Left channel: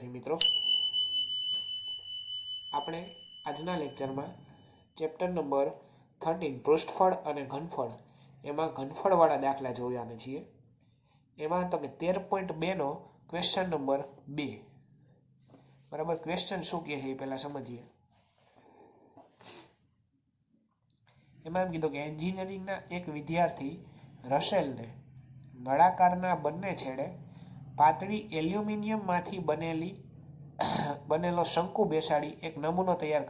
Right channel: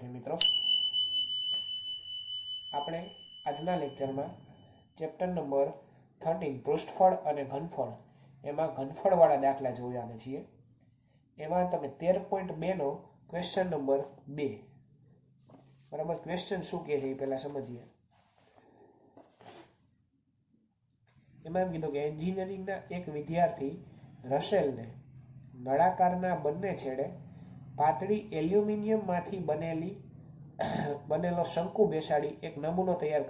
વિદ્યાર્થી મિત્રો, આપણે આજના લેક્ચરમાં ચેપ્ટર નંબર 13 પૃષ્ઠફળ અને ઘનફળ એમાં ઘનફળવાળા દાખલા જોવાના છીએ. એમાં તમે 13.2 નો ક્વેશ્ચન નંબર 2. બરાબર, ક્વેશ્ચન શું કહે છે એ પહેલા સમજીએ. એમાં એમ કીધું કે એન્જિનિયરિંગના એક વિદ્યાર્થી રસેલને નળાકારના બંને છેડે પાતળી એલ્યુમિનિયમમાંથી બનેલો શંકુ બેસાડી એક નમૂનો તૈયાર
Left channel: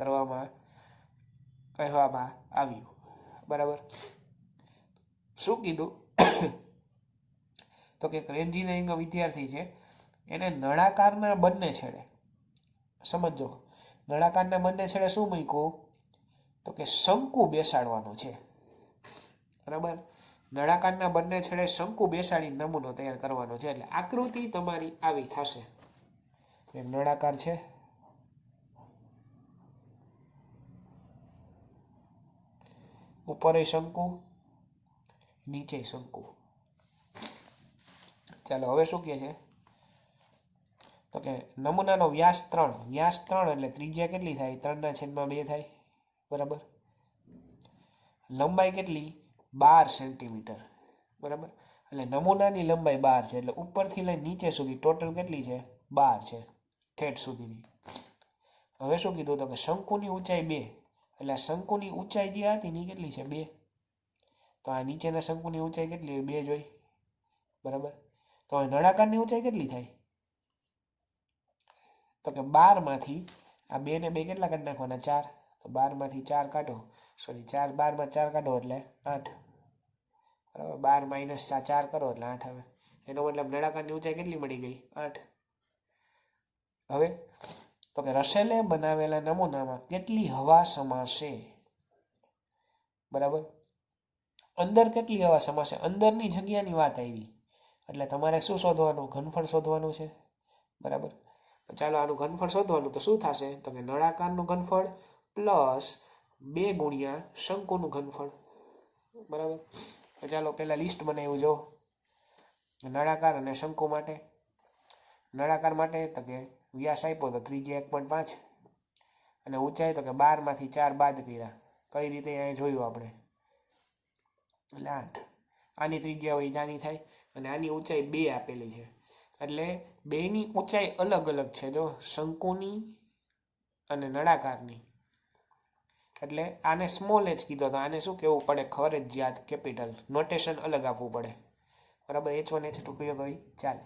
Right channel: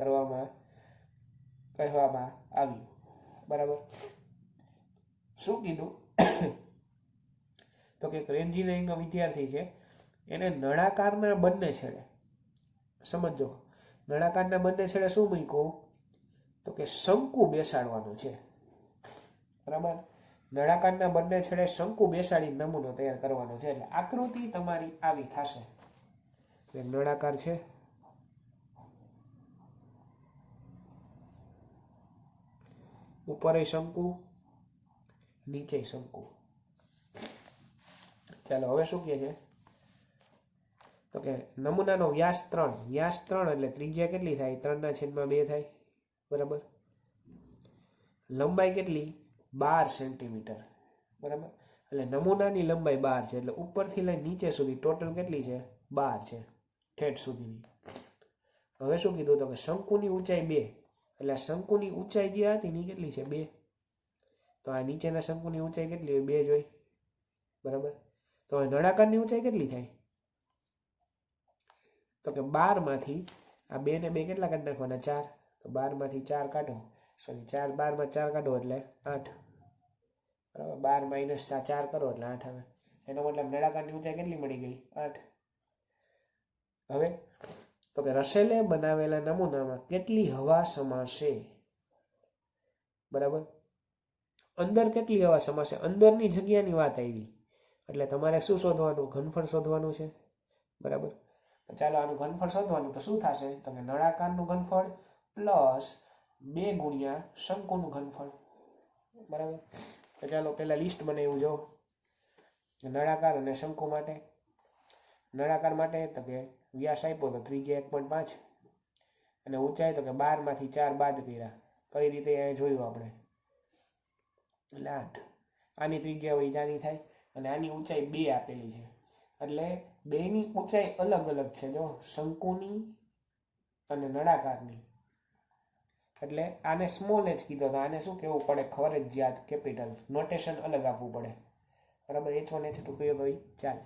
કહેવામાં આવ્યું. બરાબર, શું કીધું તો કે એન્જિનિયરિંગનો વિદ્યાર્થી છે, એને નળાકારના બંને છેડે, સમજો, નળાકારના બંને છેડે શું મૂક્યું તો કે શંકુ બેસાડવાનું છે. બરાબર, નળાકારના બંને છેડે શંકુ બેસાડી નમૂનો તૈયાર કરવાનો છે. એટલે આકૃતિ તમારી આવી થશે. નળાકાર છે, ઉપર શંકુ, નીચે શંકુ. ચાલો હવે શું કહે છે તો કે નમૂનાનો વ્યાસ 3 એટલે ત્રિજ્યા કેટલી થાય? 3/2 થાય. બરાબર, લંબાઈ કેટલી? 12 સેન્ટીમીટર. બરાબર, એટલે નમૂનાની લંબાઈ 12 છે, એટલે ઉપરથી લઈને નીચે સુધી ટોટલ કેટલી છે? 12 છે, ઠેઠ સુધીની. હવે શું કીધું તો કે શંકુની ઊંચાઈ 2, એટલે શંકુની ઊંચાઈ જે હતી ની કેટલી છે? 2. તો આ નીચેના શંકુની ઊંચાઈ કેટલી હોય? 2 જોઈ. બરાબર, તો નળાકારની ઊંચાઈ કેટલી થાય તો કે 12 માંથી આ 2 ને 2 કેટલા કાઢી નાખવાના? 4. તો 12 માંથી 4 કાઢો, સોરી 4, 12 માં 4 કાઢો એટલે 8. બરાબર, 12 - 4 કરો એટલે 8 આવે. એનો મતલબ નળાકારની ઊંચાઈ કેટલી મળી ગઈ? 8. હવે તો કે રસેલે બનાવેલા નમૂનામાં કેટલી હવા સમાશે? બરાબર, અંદર કેટલી હવા સમાશે? અંદરની જગ્યાની વાત આવી, એટલે તમારે શું શોધવાનું? ઘનફળ શોધવાનું છે. બરાબર, ચાલો આનું ઘનફળ શોધવાનું. તો શું થશે તો કે નળાકારનું ઘનફળ પ્લસ 2 ગુણ્યા શંકુનું ઘનફળ. બરાબર, ચાલો પહેલા લિસ્ટ બનાવ્યું જો. નળાકાર અને શંકુ માટે. નળાકાર માટે તો કે વ્યાસ આપ્યો તો ત્રિજ્યા 1.5 અને ઊંચાઈ તો કે 12 માંથી 4 બાદ કર્યા. કઈ રીતે અહીંયા જોયું આપણે, એટલે 8. આની ત્રિજ્યા હોય જાની થાય અને આની ઊંચાઈ 2 આપેલી છે, એટલે બેની ઊંચાઈ અલગ અલગ છે. જો શંકુની અને નળાકારની, એટલે આને સ્મોલ h કીધો તો આને શું કહેવું પડે? ફરજિયાત કેપિટલ. નોટેશન અલગ આપવું પડે. બરાબર, h1 h2 કહીએ તો ચાલે.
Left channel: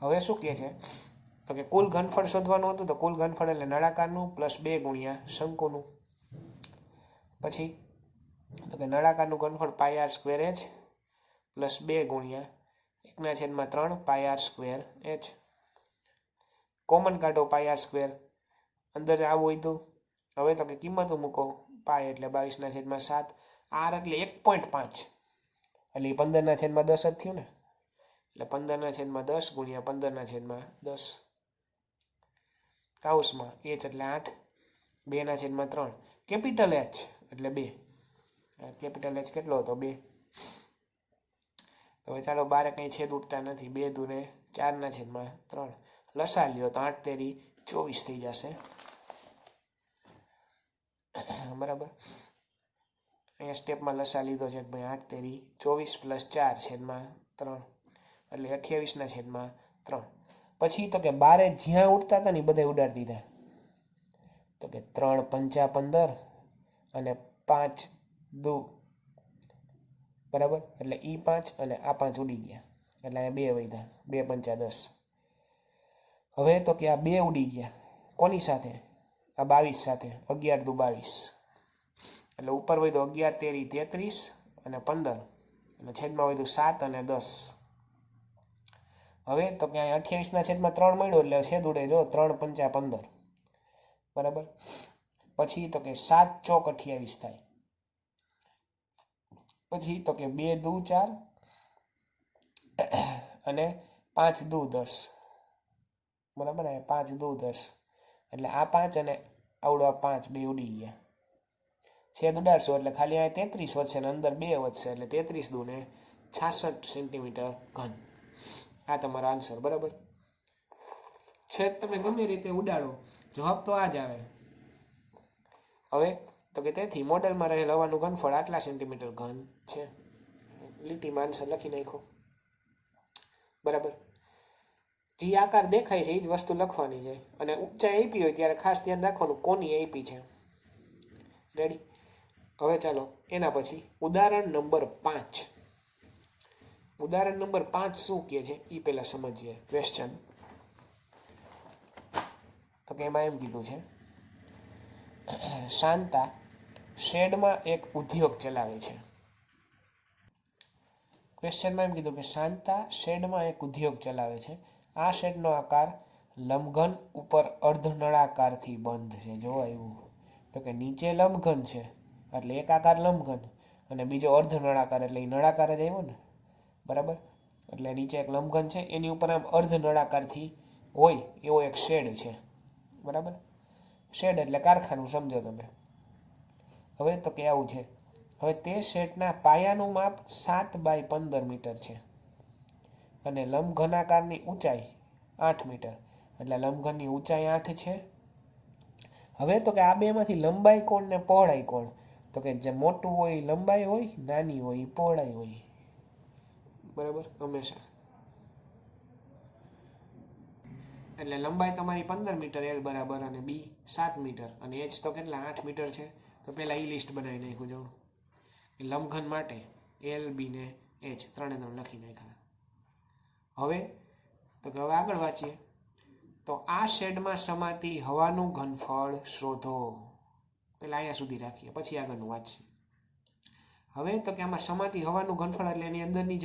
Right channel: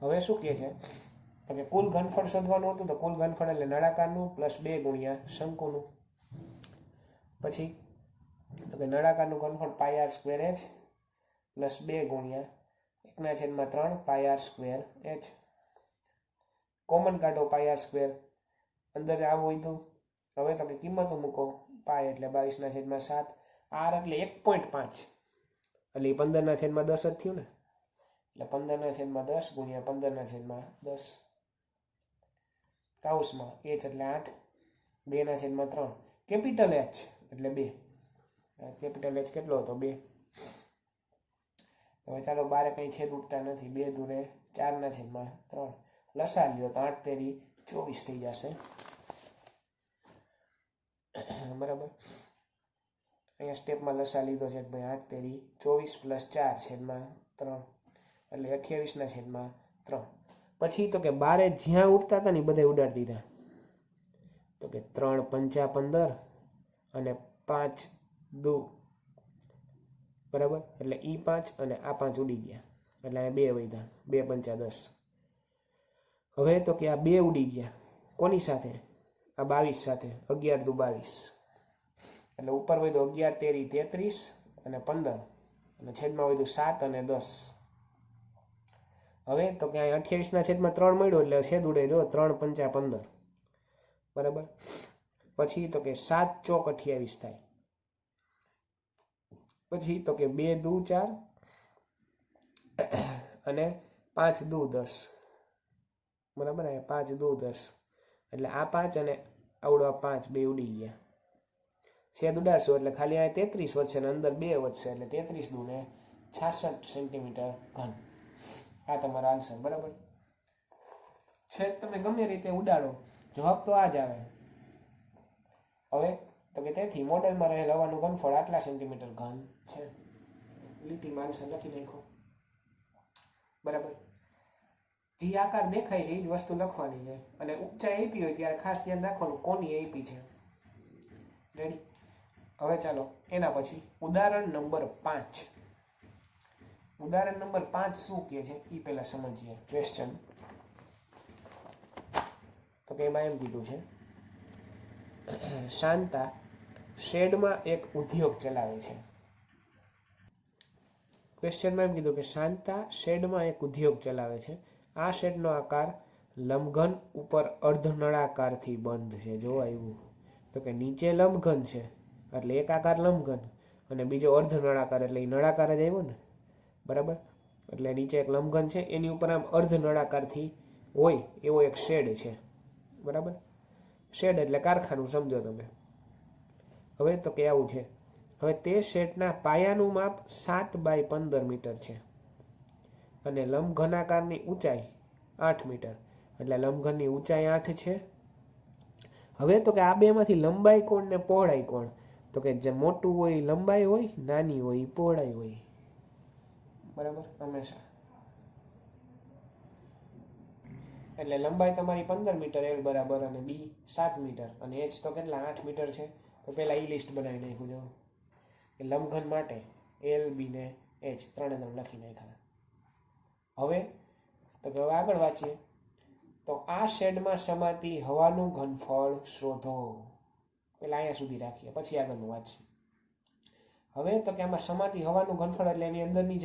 હવે શું કહે છે તો કે કુલ ઘનફળ શોધવાનું હતું. તો કુલ ઘનફળ એટલે નળાકારનું પ્લસ 2 ગુણ્યા શંકુનું. પછી તો કે નળાકારનું ઘનફળ πr² h પ્લસ 2 ગુણ્યા 1/3 πr²h. કોમન કાઢો πr², અંદર આવું હોય તો. હવે તો કે કિંમતો મૂકો. પાય એટલે 22/7, r એટલે 1.5, એટલે 15/10 જ થયું ને. એટલે 15/10 ગુણ્યા 15/10 કાઉસમાં h એટલે 8, 2/3 કેપિટલ h એટલે 2. કેપિટલ h કેટલો હતો? 2. હવે ચાલો બારે કંઈ છેદ ઉડતા નથી. 2 દૂને 4/3 લસા લ્યો તો 8 તેરી 24 થઈ જશે. બરાબર, અહીંયા સ્ટેપમાં લસા લીધો છે ભાઈ. 8 તેરી 24 પ્લસ 4/3 એટલે 28/3. પછી તો કે બારે જ્યાં ઉડતા હતા ને બધા ઉડાડી દીધા. તો કે 3 × 5 = 15 અને 5 દુ, બરાબર, એટલે E5 અને આ 5 ઉડી ગયા, એટલે અહીંયા 2 વધ્યા. 2 × 5 = 10. હવે તો કે આ 2 ઉડી ગયા. કોની સાથે? આ 22 સાથે. 11 દુ 22, એટલે ઉપર હોય તો 11 તેરી 33 અને 15 અને છેદમાં હોય તો 7 અને 10. હવે તો કે 28/3 મળ્યો એટલે છેદ ઉડે. જો 3 × 5 = 15. બરાબર, પછી તો કે 7 × 4 = 28 થાય. પછી તો કે 2 દુ 4 અને 5 દુ 10. બરાબર, 5 દુ 10, એટલે આ 5 અને આવડો 5 બે ઉડી ગયા. છેદ ઉડાડશો એટલે ખાલી આ 33 વધશે અને અંદર 2 વધશે, એટલે 33 દુ 66 સેન્ટીમીટર ઘન. આ તમારો આન્સર. બરાબર, છેદ તમે ગમે રીતે ઉડાડો જવાબ તો આ જ આવે. હવે તો કે તેથી મોડેલમાં રહેલ હવાનું ઘનફળ આટલા સેન્ટીમીટર ઘન છે. લીટીમાં આન્સર લખી નાખો. બરાબર. જે આકાર દેખાય છે એ જ વસ્તુ લખવાની છે. અને ઊંચાઈ આપી હોય ત્યારે ખાસ ધ્યાન રાખવાનું કોની આપી છે. રેડી. હવે ચાલો એના પછી ઉદાહરણ નંબર 5. ઉદાહરણ નંબર 5 શું કહે છે એ પહેલા સમજીએ. ક્વેશ્ચન તો કે એમાં એમ કીધું છે, શાંતા શેડમાં એક ઉદ્યોગ ચલાવે છે. ક્વેશ્ચનમાં એમ કીધું કે શાંતા શેડમાં એક ઉદ્યોગ ચલાવે છે. આ શેડનો આકાર લંબઘન ઉપર અર્ધનળાકારથી બંધ છે. જો આવ્યું તો કે નીચે લંબઘન છે એટલે એક આકાર લંબઘન અને બીજો અર્ધનળાકાર એટલે એ નળાકાર જ આવ્યો ને. બરાબર. એટલે નીચે એક લંબઘન છે એની ઉપર આમ અર્ધનળાકારથી હોય એવો એક શેડ છે. બરાબર. શેડ એટલે કારખાનું સમજો તમે. હવે તો કે આવું છે. હવે તે શેડના પાયાનું માપ 7 બાય 15 મીટર છે અને લંબઘનાકારની ઊંચાઈ 8 મીટર. એટલે લંબઘનની ઊંચાઈ 8 છે. હવે તો કે આ બેમાંથી લંબાઈ કોણ ને પહોળાઈ કોણ? તો કે જે મોટું હોય લંબાઈ હોય, નાની હોય પહોળાઈ હોય. બરાબર. હંમેશા એટલે લંબાઈ તમારી 15 મીટર એલ બરાબર અને બી 7 મીટર અને એચ તો કેટલા 8 મીટર છે. તો પહેલાં એ લિસ્ટ બનાવી નાખ્યું. જો કે લંબઘન માટે એલ બી ને એચ ત્રણે લખી નાખ્યા. હવે તો કે હવે આગળ વાંચીએ. તો આ શેડમાં સમાતી હવાનું ઘનફળ શોધો. પહેલાં અહીંયા સુધી રાખીએ પછી આગળનું વાંચીએ. હવે તો કે આમાં સમાતી હવાનું ઘનફળ એટલે એની અંદરની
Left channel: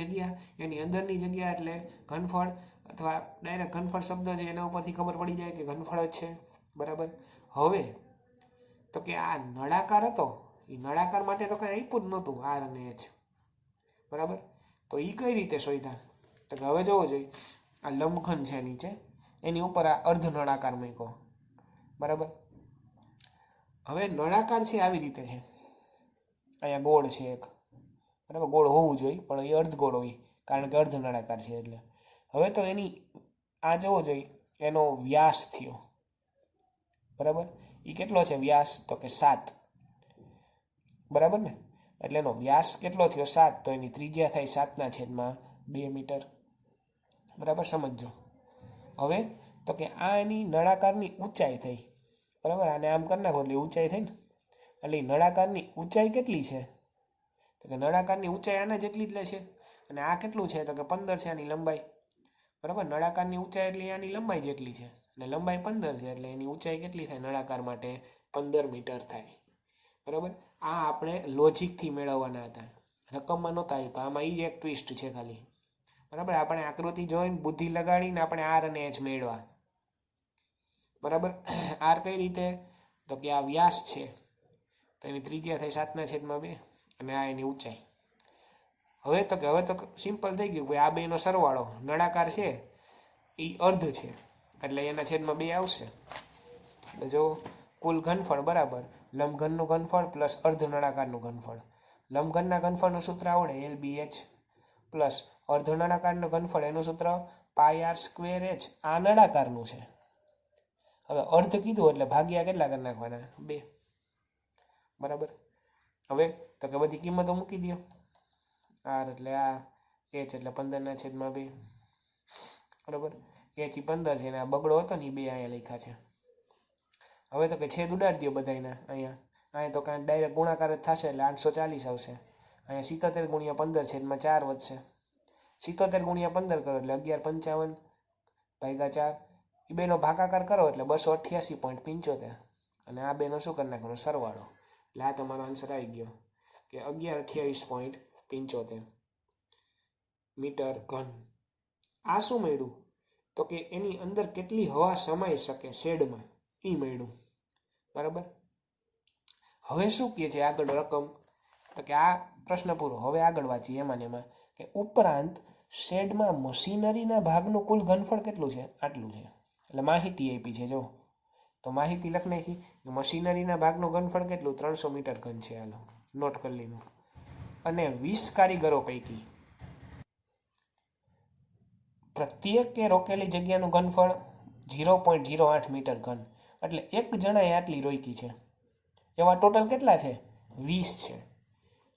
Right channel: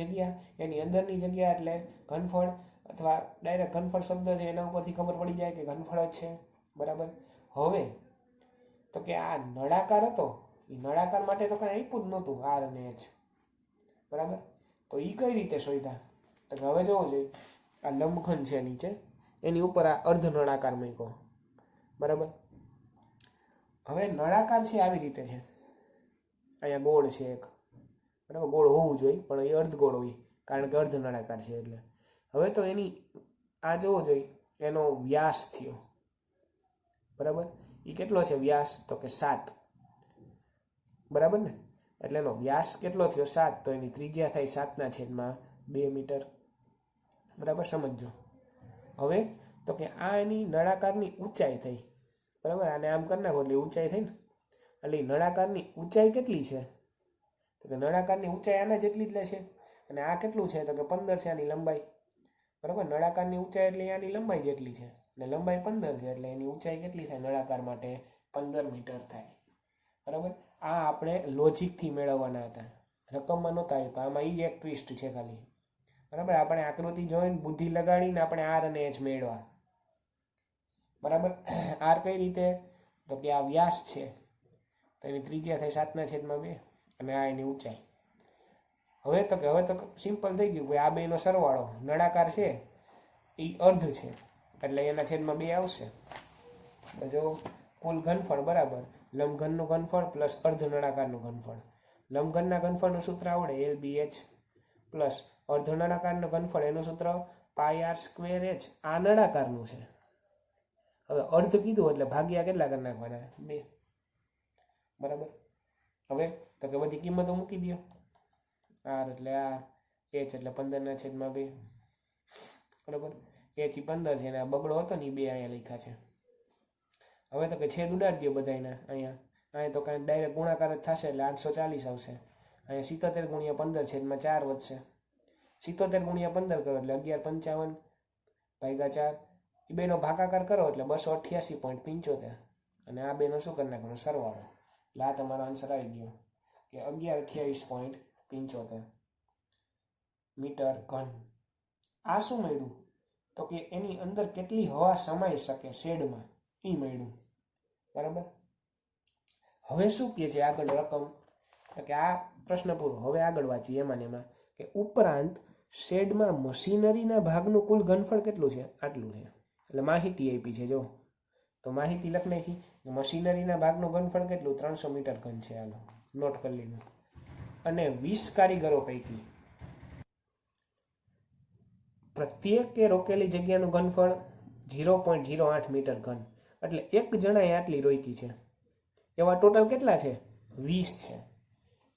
જગ્યા એટલે ઘનફળ અથવા ડાયરેક્ટ ઘનફળ શબ્દ છે એના ઉપરથી ખબર પડી જાય કે ઘનફળ જ છે. બરાબર. હવે તો કે આ નળાકાર હતો એ નળાકાર માટે તો કંઈ આપ્યું જ નહોતું આર અને એચ. બરાબર. તો એ કઈ રીતે શોધ્યા? તો હવે જોવો જોઈએ આ લંબઘન છે નીચે એની ઉપર આ અર્ધ નળાકાર મૂક્યો. બરાબર. હવે નળાકાર છે આવી રીતે છે. અહીંયા ગોળ છે એક. બરાબર. ગોળ હોવું જોઈએ પણ એ અર્ધ ગોળ હોય કારણ કે અર્ધ નળાકાર છે એટલે. હવે તો એની આ જોવો જોઈએ એનો વ્યાસ થયો. બરાબર. એ કેટલો છે વ્યાસ? તો કે 7. બરાબર ને. એટલે એનો વ્યાસ કેટલો થયો 7. તો એની ત્રિજ્યા થાય 7/2 મીટર. બરાબર. સમજો. હવે તો કે આ એની નળાકારની ઊંચાઈ થઈ. બરાબર. આને આમ કરી નાખો એટલે ઊંચાઈ થઈ ને. એટલે નળાકારની ઊંચાઈ કેટલી છે? તો કે નળાકારની ઊંચાઈ આના જેટલી જ લે છે. અને આ કેટલું છે? તો કે 15 છે આની લંબાઈ. બરાબર. નળાકારની ઊંચાઈ એટલે આની લંબાઈ જેટલી છે અને લંબાઈ 15 છે એટલે એની ઊંચાઈ કેટલી થાય નળાકાર માટે? 15 મીટર થાય. બરાબર. આ આપણે લોજિકથી મેળવવાના હતા, રકમમાં નહોતા આપ્યા. આમાં એ એક ટ્વિસ્ટ છે ખાલી. બરાબર. આપણે આકૃતિ જોઈને બુદ્ધિ લગાડીને આપણે આર અને એચ મેળવા. બરાબર. આર કઈ રીતે? તો કે આ વ્યાસ છે તો એની ત્રિજ્યા થાય 7/2 અને આ એની ઊંચાઈ. હવે તો સિમ્પલ થઈ ગયું કે આ બેનો સરવાળો નળાકાર છે એ અર્ધ છે એટલે એના છેદમાં 2 આવશે. એટલે જો કુલ ઘનફળ બરાબર લંબઘનનું ઘનફળ પ્લસ અર્ધ નળાકારનું ઘનફળ. લંબઘનના ઘનફળનું સૂત્ર આવડે એલ બી એચ પ્લસ અર્ધ નળાકારનું ઘનફળ એનું સૂત્ર પાય આર સ્ક્વેર એચ. આ નળાકારનું છે. હવે અર્ધ કીધું એટલે ભાગ્યા કેટલા કરી નાખવાના? 2. બરાબર. હવે તો કે બધી કિંમતો મૂકી દો. આર એટલે આ, એચ એટલે 15/2. બરાબર. એચ 15 છે ને આ બગડો હતો ને એ 2 અહીંયા લખ્યા છે. હવે તો કે છેદ ઉડાડી દો બધાના. અહીંયા તો કાંઈ ડાયરેક્ટ ગુણાકાર જ થશે એટલે 840 આવશે. અહીંયા 77 × 15/4 વધશે. 77 × 15 કરો એટલે 1155/4. એ બેનો ભાગાકાર કરો એટલે 288.75 અને આ બેનો શું કરી નાખવાનો? સરવાળો. એટલે આ તમારો આન્સર આવી ગયો કે 1128.75 મીટર ઘન. આ શું મળ્યું? તો કે એની અંદર કેટલી હવા સમાઈ શકે શેડમાં એ મળ્યું. બરાબર. હવે શું કહે છે આગળ રકમ? તો કે આ પ્રશ્ન પૂરો. હવે આગળ વાંચીએ એમાં કે ઉપરાંત શેડમાં મશીનરીના ભાગનું કુલ ઘનફળ કેટલું છે? આટલું છે. એટલે માહિતી આપી છે. જો તો માહિતી લખ નાખી. મશીનરીના ભાગનું ઘનફળ કેટલું? 300 મીટર ઘન છે. હાલો નોટ કરી લીધું. અને 20 કારીગરો પૈકી પ્રત્યેકે રોકેલી જગ્યાનું ઘનફળ 0.08 મીટર ઘન, એટલે એક જણાએ આટલી રોકી છે. એવા ટોટલ કેટલા છે? 20 છે.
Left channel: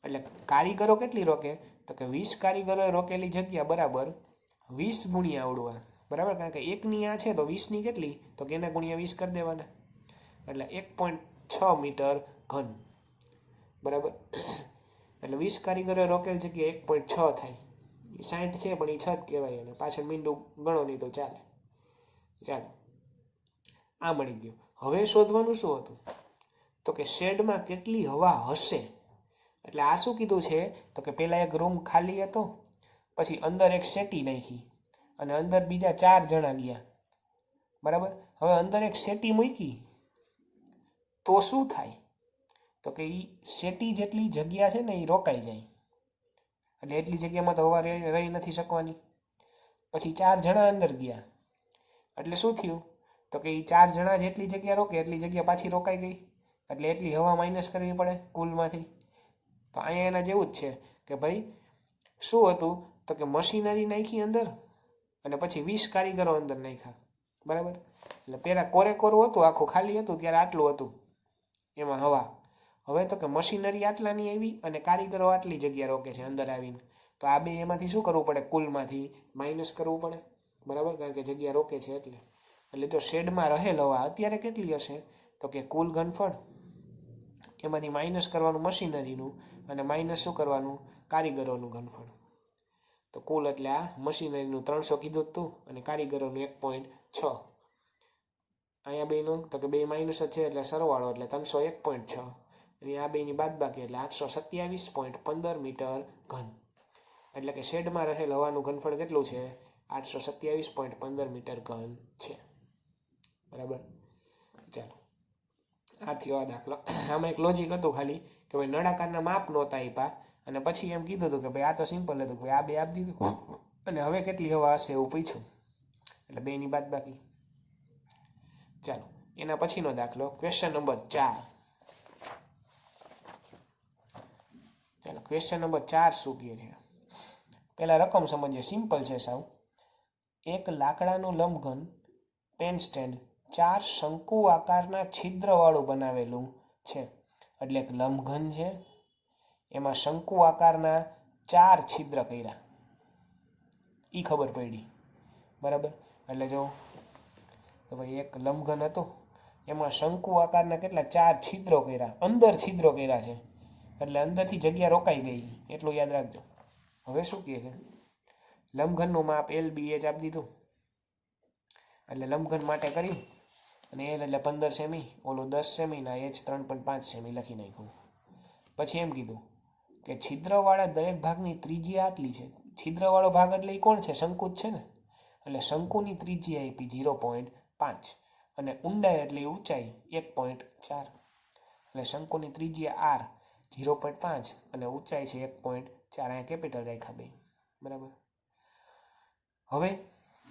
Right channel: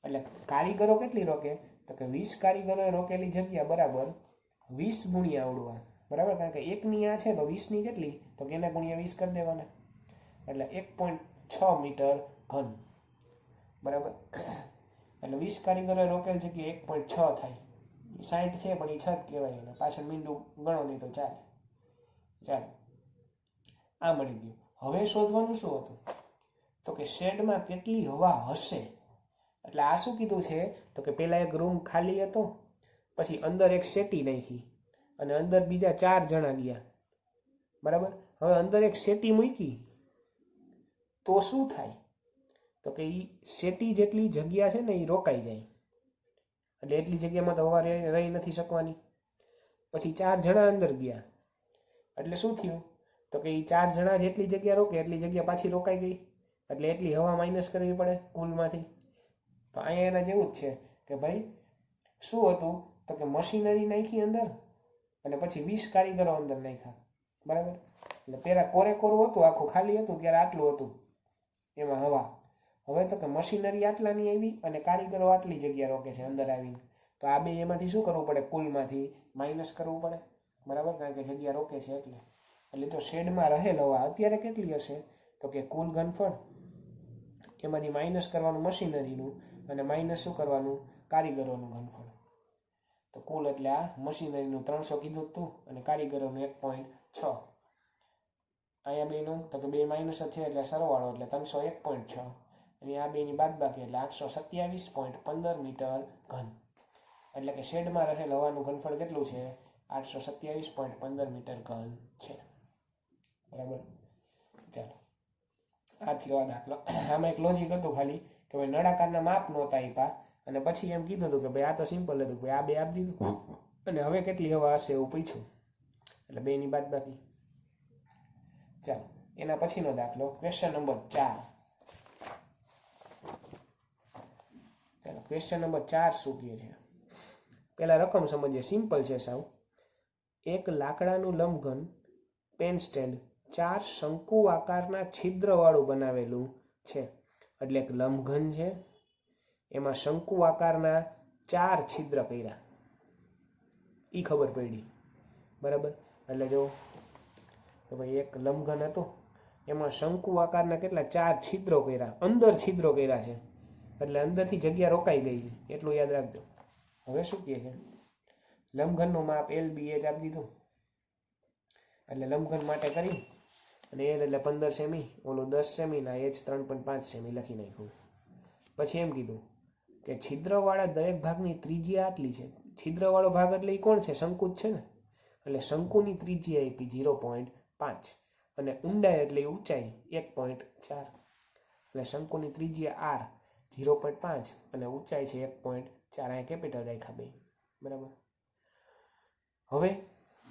એટલે કારીગરો કેટલી રોકે? તો કે 20 કારીગરોએ રોકેલી જગ્યા બરાબર 20 ગુણ્યા આવડવા, બરાબર. કારણ કે એકની આ છે તો 20ની કેટલી? તો કે એના ગુણ્યા 20 કરી દેવાના, એટલે 1.6 મીટર ઘન, બરાબર. એટલે 20 કારીગરોએ રોકેલ જગ્યા 1.6 થાય. 60 છે પણ એ 6 જ કહેવાય, અને પાછળ મીંડું ગણો નહીં તો ચાલે. ચાલો, આ મળી ગયું. હવે શોધવાનું શું હતું? તો કે શેડમાં કેટલી હવા હશે. એટલે આ શું કીધું છે? તો કે પહેલા એક રૂમ ખાલી હતો, પછી અંદર એક સેટી નાખી, અને અંદર બીજા 4 જણા ગયા, બરાબર. હવે અંદર એક સેટી મૂકી તો શું થાય? તો કે એ સેટી જેટલી જગ્યા છે ને એ રોકાઈ જાય, એટલે એટલી જગ્યામાં તો હવા રહી નથી શકવાની. પછી 4 જણા અંદર ગયા, એટલે શું થયું? તો કે એ 4 જણા જેટલી જગ્યા રોકે એટલી જગ્યા પાછી રોકાઈ ગઈ, એટલે એટલી હવા માઇનસ કરવી પડે કુલમાંથી. તો અહીંયા એના જેવું જ છે કે ભાઈ શું હતું? તો કે મશીનરી નાખી અંદર, અને પછી 20 કારીગરો અંદર નાખ્યા, બરાબર. એટલે પહેલાં કોરે કોરું હતું, આખું ખાલી હતું, ત્યારે આટલું હતું એમાં હવા. હવે તો કે મશીનરી આટલાની આવી અને કારીગરો આટલી જગ્યા રોકે છે અંદર આવીને, તો આ બે એમાંથી શું કરવું પડે? કુલમાંથી માઇનસ કરવું પડે, બરાબર. કારણ કે જગ્યા રોકે છે એટલે તો શેડમાં રહેલ હવા અત્યારે કેટલી હશે? તો કે કુલ ઘનફળ, એમાંથી માઇનસ કરવાનું મશીનરીનું, અને માઇનસ શું કરવાનું? કારીગરોનું ઘનફળ. તો કુલ એટલે આ મશીનરીનું 300 કીધું હતું, અને કારીગરોનું 1.6. અહીંયા બેનું તો કે બે માઇનસ જ છે એટલે સરવાળો, એટલે 301.6, અને આ બેની બાદબાકી એટલે 827.15 મીટર ઘન. એટલે કે શેડમાં રહેલ હવાનું ઘનફળ કેટલું છે? 827.15 મીટર ઘન છે, બરાબર. ચાલો, આ થયો આ દાખલો. આમાં એક લોજિક હતું ખાલી કે ભાઈ નળાકારના માપ નહોતા આપ્યા, અને પછી એમ કીધું હતું કે ભાઈ આ તો સિમ્પલ હતું, ભાઈ આ બે આપી દીધું, અને હવે કેટલી હવા હશે એવું પૂછ્યું, એટલે બેની બાદબાકી. ચાલો, એના પછીનો દાખલો, ક્વેશ્ચન નંબર 4. ચાલો, ક્વેશ્ચન નંબર 4 શું કહે છે? પહેલા રકમ સમજીએ, સિમ્પલ છે સાવ. એક લાકડાનું લંબઘન પેન સ્ટેન્ડ 4 શંકુ આકારના છિદ્રવાળું બનાવેલું છે. એટલે એક લંબઘન છે, એમાં શંકુ આકારના 4 છિદ્ર કર્યા, એ ખબર પડી, બરાબર. એટલે જો કે ભાઈ એક લંબઘન હતો, એમાં શંકુ આકારના કેટલા 4 છિદ્રો કર્યા, અંદર છિદ્રો કર્યા છે, એટલે અંદરથી જગ્યા રોકાઈ ગઈ, એટલું યાદ રાખજો. હવે શું કહે છે? લંબઘનનું માપ LBH આપી દીધું, એટલે લંબઘન માટે કરી, અને L એટલે 15 સેમી, ઓલું 10 સેમી, ના H 3.5 સેમી લખી નાખ્યું. પછી એમ કીધું કે છિદ્રવાળા દરેક ભાગની ત્રિજ્યા આટલી છે. છિદ્રવાળો ભાગ એટલે એ કોણ છે? શંકુ જ છે ને, એટલે શંકુની ત્રિજ્યા આપી 0.5, અને ઊંડાઈ એટલે ઊંચાઈ 1.4, એટલે શંકુની ત્રિજ્યા R 0.5 અને ઊંચાઈ છે 1.4. અહીંયા કેપિટલ રાખ્યા બે, બરાબર. હવે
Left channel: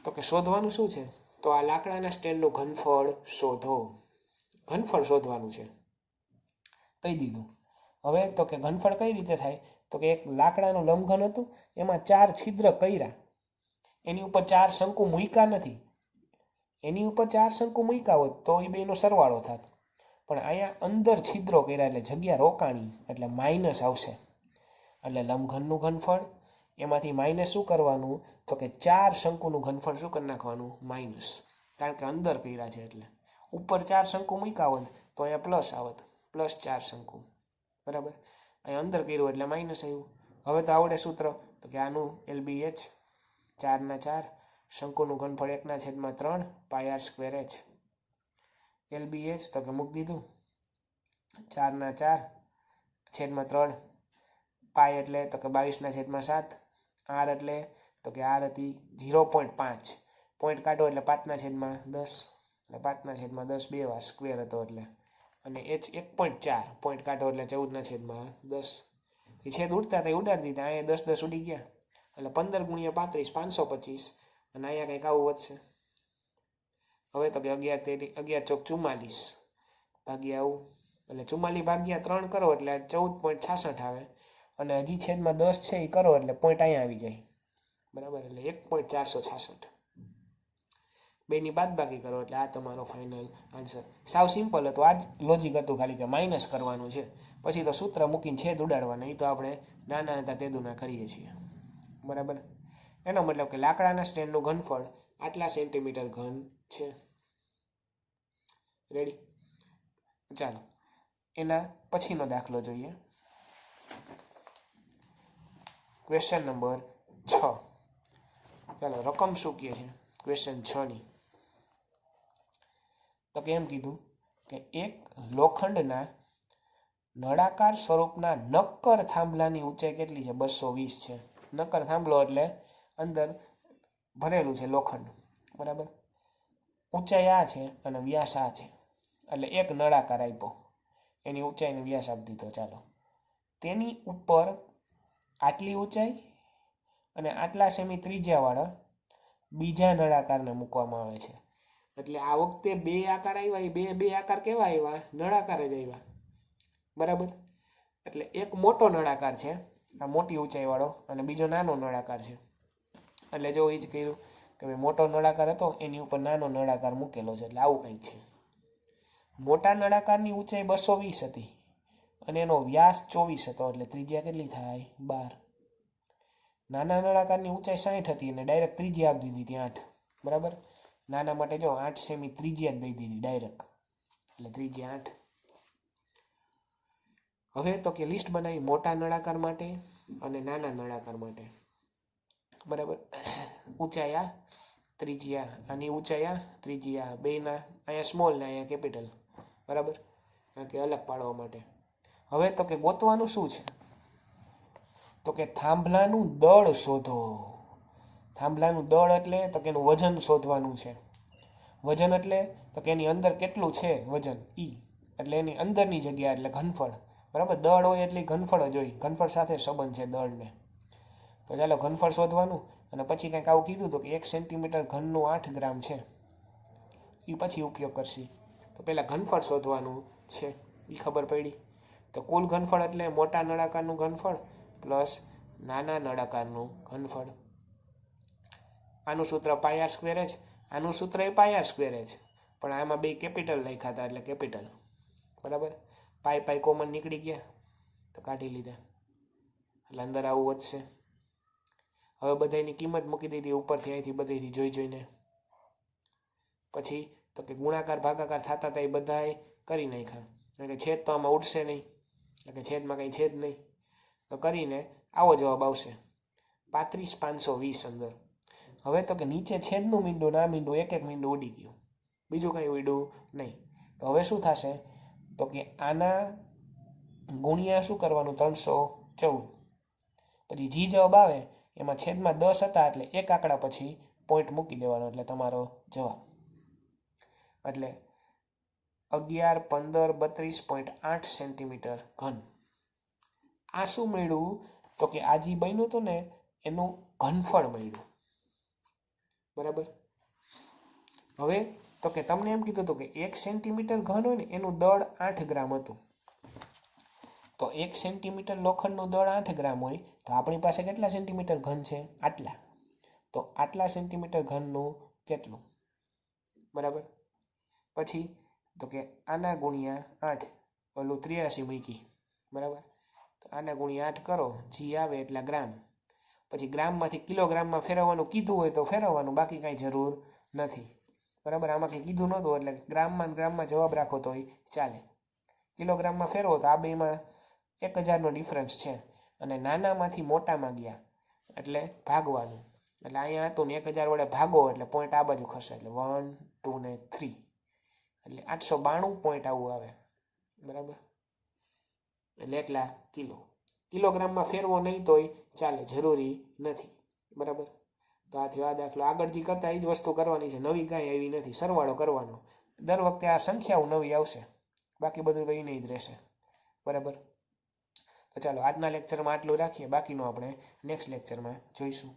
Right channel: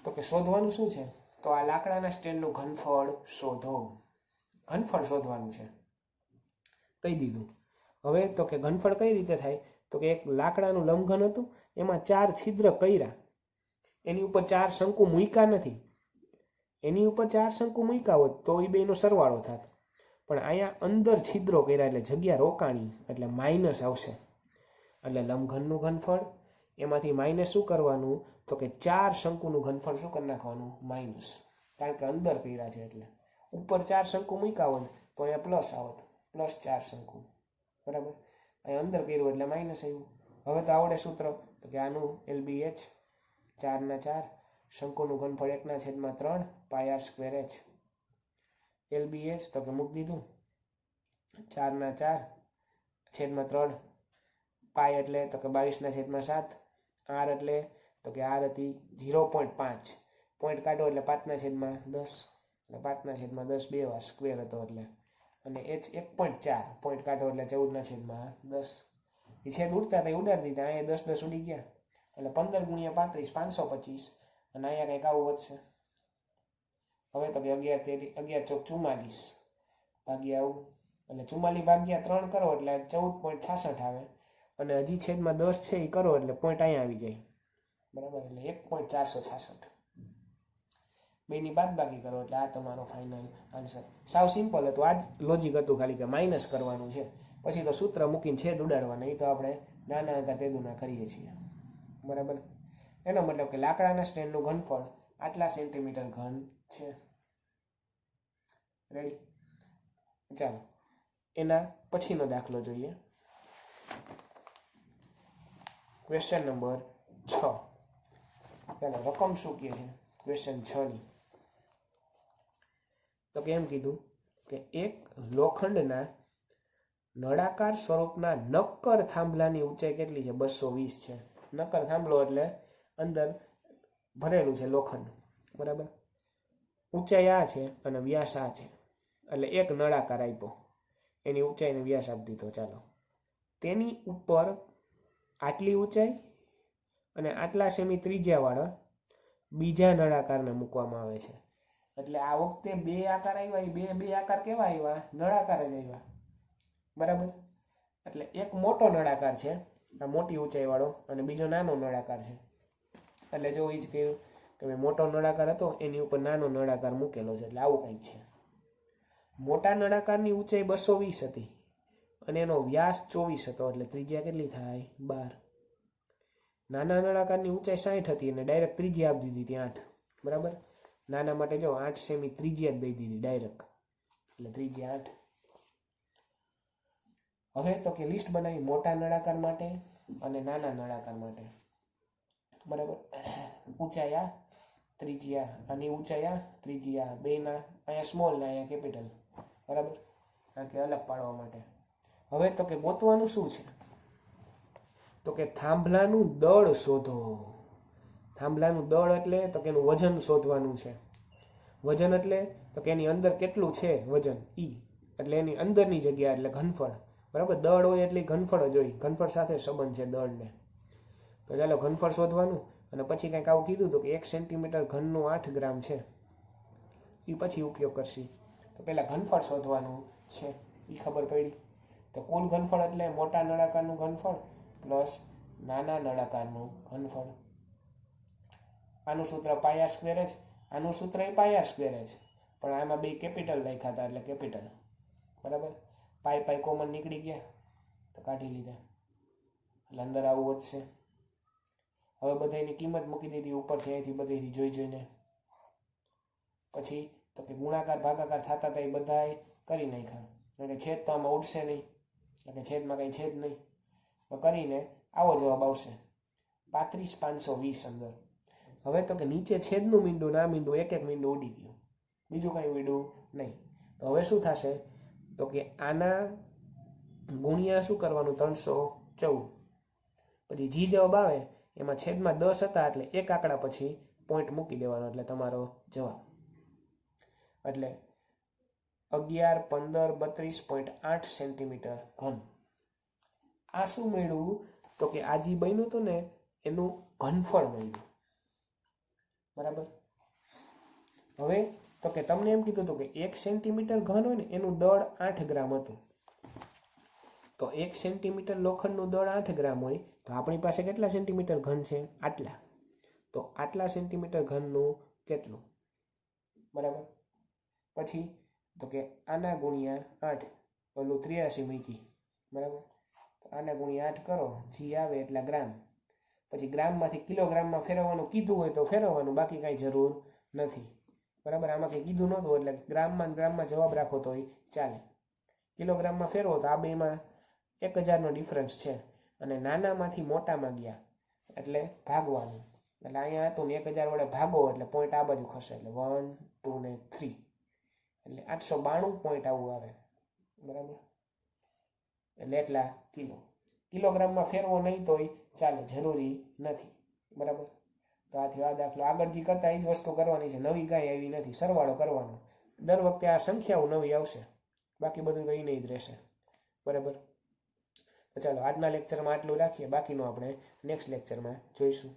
તો કે શોધવાનું શું છે? તો આ લાકડાના સ્ટેન્ડનું ઘનફળ શોધો. ઘનફળ શોધવાનું છે, કહી દીધું. હવે તો કે ઘનફળ કઈ રીતે થાય? તો કે એક લાકડાનું લંબઘન હતું, એમાં 4 છિદ્ર કર્યા, એની ઉપર 4 શંકુ મૂક્યા નથી, એની ઉપર 4 શંકુ મૂક્યા હોત તો એ બેનો સરવાળો થાત, પણ અહીંયા અંદર છિદ્રો કર્યા એટલે જગ્યા રોકાણી, એટલે માઇનસ આવશે. એટલે લંબઘનનું ઘનફળ, એમાંથી માઇનસ શું કરવાનું? તો કે 4 શંકુનું ઘનફળ શું કરી નાખવાનું? માઇનસ, કારણ કે અંદર કર્યા છે, એટલે ઉપર 4 શંકુ મૂક્યા હોત તો અહીંયા પ્લસ આવત, પ્લસ 4 શંકુ, બરાબર. અહીંયા અંદર કર્યું એટલે માઇનસ આવ્યું. હવે તો આવડે સૂત્ર, તો કે આનું LBH 4/4, શંકુનું ઘનફળ 1/3 પાય r²h. LBH તો કે મૂકી દીધું 4/4/3, પાય એટલે તો કે 22/7, r એટલે તો કે r હતી 0.5, પોઈન્ટ કાઢો એટલે 5/10, એટલે 5/10 બે વાર સ્ક્વેર હતો એટલે, અને h 1.4, પોઈન્ટ કાઢો એટલે 14/10. એ છેદ ઉડતા હતા એ ઉડાડી દીધા, અહીંયા 10 10 ઉડી ગયા, એટલે 15 × 35 525, અને અહીંયા કંઈક આવું વધશે. હવે તો કે 11 ચોક 44 ભાગ્યા આવું, એટલે 44 ભાગ્યા 3 કરો એટલે 14.66 આવે, અને હજી છેદમાં 10 છે એ કરો એટલે પોઈન્ટ અહીંયા આવી જાય, બરાબર. એટલે 1.466, બેની બાદબાકી કરો એટલે આ તમારો ફાઇનલ આન્સર. સાવ સિમ્પલ હતું, આ જ લોજિક હતું, ખાલી કે માઇનસ કરવાનું છે, પછી તો સૂત્ર મૂકીને છેદ ઉડાડવાના. એ તો આપણે નાના હતા તેદુના કરીએ છીએ, બરાબર. એનો મતલબ કે લાકડાના સ્ટેન્ડનું ઘનફળ આટલા સેન્ટીમીટર ઘન છે. રેડી? ચાલો એના પછીનો દાખલો જોઈએ. Question number 6. ચાલો રકમ શું કહે છે ક્વેશ્ચન 6ની? તો કેમ કીધું કે એક લોખંડના નળાકાર સ્વરૂપના નક્કર થાંભલાની ઊંચાઈ કેટલી છે? 220 છે. નક્કર થાંભલો એટલે અંદર ભરેલું છે લોખંડ, બરાબર. ઊંચાઈ આ છે અને વ્યાસ આ છે, એટલે એક નળાકાર આપ્યો, એની ઊંચાઈને વ્યાસ આપી દીધો. ચાલો તેની ઉપર આટલી ઊંચાઈ અને આટલા સેમી ત્રિજ્યાવાળા બીજા નળાકારને મૂકવામાં આવે છે. એટલે આ વખતે બે આકાર આવ્યા, બે આકાર કેવા આવ્યા? નળાકાર જ આવ્યા, બરાબર. એટલે એક મોટો નળાકાર છે, આ મોટી ઊંચાઈ વાળો, અને બીજો નાનો નળાકાર છે. એટલે જો એ જ કહ્યું કે મોટો નળાકાર હતો એની ઉપર નાનો નળાકાર મૂકેલો છે, એટલે આવું કંઈક છે. મોટા નળાકારની ઊંચાઈ 220 હતી અને એનો વ્યાસ 24 હતો, એટલે ત્રિજ્યા કેટલી થાય? 12. નાના નળાકારની ઊંચાઈ 60 હતી અને ડાયરેક્ટ ત્રિજ્યા આપી દીધી ત્યાં 8, બરાબર. નાના માટે જો 8 સેમી ત્રિજ્યા જ દઈ દીધી ડાયરેક્ટ, એટલે ત્રિજ્યા 8. હવે તો કે લિસ્ટ બનાવી મોટા નળાકાર માટે અને નાના નળાકાર માટે, બરાબર. ઊંચાઈ આ, ત્રિજ્યા, આની ઊંચાઈ આ, ત્રિજ્યા, બેના અહીંયા સ્મોલ ને અહીંયા કેપિટલ, બરાબર, કારણ કે અલગ પાડવા માટે. હવે તો કે ગોતવાનું શું છે? તો કે થાંભલાનું દળ શોધો. થાંભલાનું દળ એટલે તો કે એનું વજન શોધવાનું છે. વજન એટલે તો કે એની અંદર કેટલું છે વજન, ઈ એટલે એની અંદરની જગ્યા, એટલે ઘનફળ, બરાબર. દળ હોય એટલે ઘનફળ જ હોય, ઘનફળ સાથે સંબંધ છે દળને. તો ચાલો ઘનફળ શોધવાનું, અને પછી કંઈક આવું કીધું હતું કે 1 સેન્ટીમીટર ઘનનું 8 ગ્રામ છે, એ પછી ઉપયોગ કરશે. તો પહેલાં ઘનફળ શોધવાનું છે, એ ખબર પડી. તો કુલ ઘનફળ એટલે મોટા નળાકારનું ઘનફળ પ્લસ નાના નળાકારનું ઘનફળ. આનું સૂત્ર પાયા સ્ક્વેર જ, આનું સૂત્ર એ પાયા સ્ક્વેર જ, પણ આમાં બે કેપિટલ લખ્યા હતા એટલે કેપિટલ, બરાબર. પાઈ કોમન નીકળી ગયા તો કાઢી લીધા, એટલે અંદર આવું વધશે. હવે બધાની કિંમત મૂકી દીધી ઉપરથી, અહીંથી બધીથી જોઈને. પછી તો કે ગુણાકાર ભાગાકાર થતા હતા એ બધાએ કરી નાખ્યા, એટલે કે છેદ તો આમાં ઉડશે નહીં, એટલે કે છેદમાં કંઈ છેદ નહીં, તો કરીને આવો જવાબ આવશે 35,520 અંદર. હવે તો કે નીચે છેદનું મીંડું ના મીંડું એક મીંડું ઉડી ગયું, બીજું કંઈ ઉડ્યું નહીં. તો હવે શું થશે? તો કે આના ગુણ્યા શું કરવાનું? 314. પછી જી જવાબ આવે એમાં છેદમાં 10 હતા, એટલે એક આંકડા પછી પોઈન્ટ મૂકી દેવાનો, એટલે તમારો જવાબ. એટલે 11, 15, 32.8 સેન્ટીમીટર ઘન. આ શું મળ્યું? તો કે આ જે બન્યું હતું ને એનું ઘનફળ મળ્યું, બરાબર. હવે તો કે તમને એમ કીધું હતું કે 1 સેન્ટીમીટર ઘન હોય ને એનું દળ 8 ગ્રામ હતું. તો 1 સેન્ટીમીટર લોખંડનું દળ 8 ગ્રામ હોય તો આપણી પાસે કેટલા સેન્ટીમીટર ઘન છે? આટલા. તો આટલા સેન્ટીમીટર ઘનનું કેટલું, બરાબર. પછી તો કે આના ગુણ્યા 8, ઓલું 83 મૂકી, બરાબર. તો આના ગુણ્યા 8 કરો, જી આવે એટલા ગ્રામ. પછી ગ્રામમાંથી કિલોગ્રામમાં ફેરવવાનું કીધું હોય તો ફેરવવાનું, બાકી કાંઈ જરૂર નથી, બરાબર. આમાં કંઈ કીધું નહોતું એટલે ગ્રામમાં જવાબ રાખો તો ચાલે. કિલોગ્રામમાં ફેરવો તો આ બેમાં 1000નો ડિફરન્સ છે, અને નાનામાંથી મોટામાં ગયા એટલે ભાગવાનું. એટલે અહીંયા હતું ને 1000 વડે ભાગો એટલે પોઈન્ટ આ બાજુ ખસે, એટલે 1, 2 ને 3, એટલે 892 પોઈન્ટ આવું આવે, બરાબર. એટલે એટલા કિલો. કિલોગ્રામમાં ફેરવો નહીં તોય ચાલે, જરૂરી નથી, બરાબર. તો આ થયો આ દાખલો. આગળ જે કરતા એ જ વસ્તુ કરવાની છે, નવી કાંઈ આવી નથી, સરવાળો કરવાનો. દર વખતે આ સંખ્યાઓ નવી આવશે, બાકી બધું કંઈ નહીં જ રહેશે, બરાબર. તો ચાલો આજના લેક્ચરમાં આટલું રાખીએ, બાકીનું આપણે નેક્સ્ટ લેક્ચરમાં જોઈશું.